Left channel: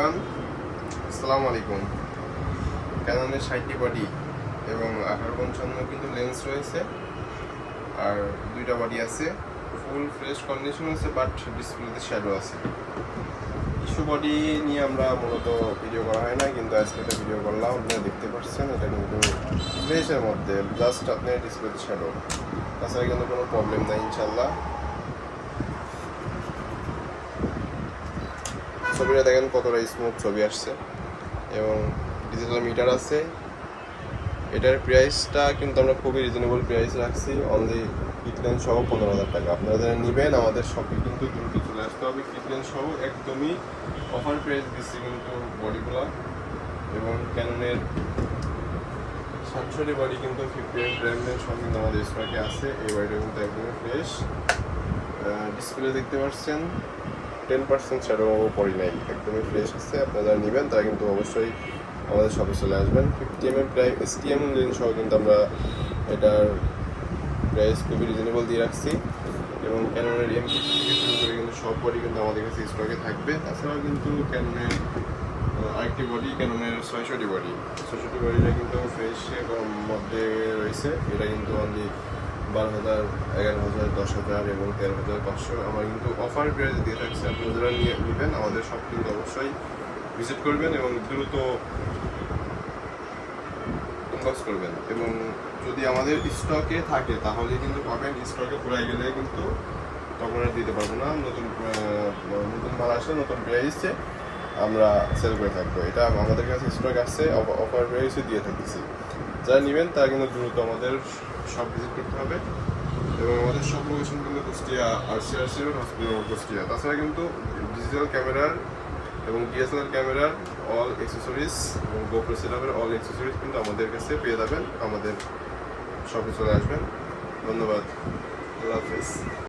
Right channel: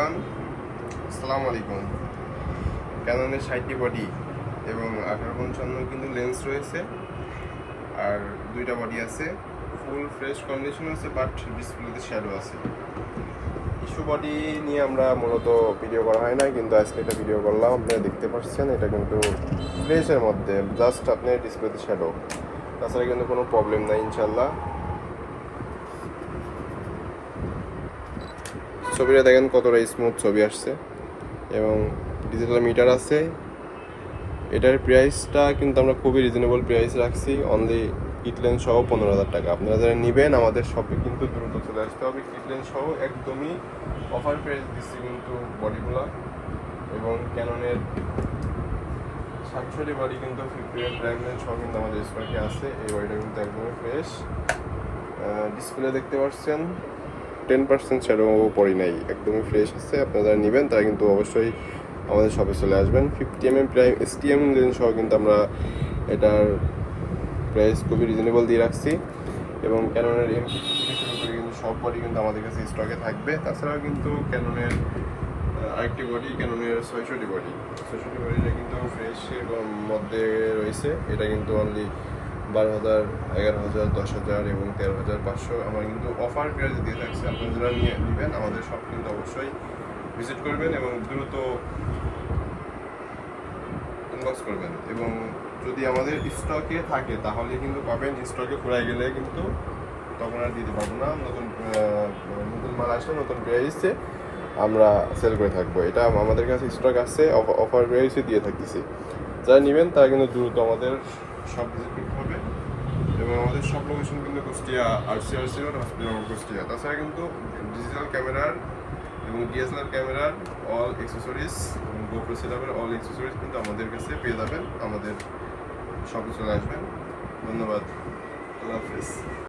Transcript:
Everyone, আসসালামু আলাইকুম। ক্যাননের 60টি body এবং 1855 কিন্তু লেন্স রয়েছে, আর দুইটা বডি আছে। ফুল ফ্রেশ কন্ডিশন আছে, বাট ডিসপ্লেতে শ্যাডো আছে। ইস্যু বডি নিয়ে আমরা মূলত ভিডিও করা হয় না, কিন্তু আজকে একটা ভিডিও করলাম। আপনারা দেখতে পাচ্ছেন এটা কিন্তু ফ্রেশের মধ্যে, জাস্ট আপনার ডিসপ্লেতে শ্যাডো, তাছাড়া কিন্তু কোনো প্রবলেম নাই ইনশাল্লাহ। ছবিটা দেখেন কতটা স্মুথ ছবি আসছে, এবং ডিজিটাল মিটার আছে। এটার প্রাইসটা কিন্তু আমরা খুবই রিজনেবল প্রাইস রাখছি, অনলি কিট লেন্স সহ 15,000 টাকা। আপনারা যারা নেবেন আমাদের শপে কিন্তু দ্রুত চলে আসতে হবে। কিট লেন্স সহ একদমই অফার প্রাইস দিচ্ছি কিন্তু বডিগুলা। এবং ক্যাননের 700 বডি কিন্তু 50 প্রাইম লেন্স সহ কিন্তু আমাদের স্টকে আছে। এই বডিটা কিন্তু একদমই ফ্রেশ। ডিসপ্লে দেখতে পাচ্ছেন 10% শ্যাডো পড়ে নাই, একদমই ফ্রেশ আছে। আপনারা যারা নেবেন তারা কিন্তু অবশ্যই আমাদের শপে চলে আসবেন। 50mm প্রায় STM লেন্স সহ কিন্তু আমরা এটার প্রাইস খুবই রিজনেবল দিয়ে রাখছি। এবং ক্যাননের M60 থেকে শুরু করে কিন্তু সব বডি কিন্তু আমাদের কাছে স্টকে থাকবে। তাছাড়াও কিন্তু ক্যাননের আরেকটি বডি, ক্যাননের 600 বডি, 600 বডিটা কিন্তু ফ্রেশের মধ্যে রয়েছে। এটা কিন্তু অনলি 12,000, 11,000, 10,000 এবং 13,500 আমরা কিন্তু অফার প্রাইসে দিয়ে থাকছি। আপনারা যারা নেবেন আমাদের শপ কিন্তু অবশ্যই ভিজিট করবেন এবং দ্রুত ইনবক্স করবেন। এবং যদি আমাদের স্টকে থাকে তাহলে কিন্তু পাবেন, স্টকে ফুরাই গেলে কিন্তু তখন আর দিতে পারবো না। নতুন মাল আসলে নতুন প্রাইসে আমরা সেল করে থাকবো। এটা আমাদের কাছে স্টক আসছে, অফার প্রাইসে দিয়ে থাকতেছি। যারা নেবেন তারা কিন্তু দ্রুত আমাদের শপ ভিজিট করতে হবে। এবং আমাদের সব লোকেশন কিন্তু Kushtia, RCRC road, hospital Kushtia. তাছাড়া কিন্তু ডিজিটাল ক্যামেরার এবং DSLR ক্যামেরার অল অ্যাক্সেসরিজ এবং গোপ্রো সেটআপের অল অ্যাক্সেসরিজ কিন্তু আমাদের কাছে পেয়ে যাবেন। আমাদের শপে চলে আসবেন। ধন্যবাদ, আল্লাহ হাফেজ।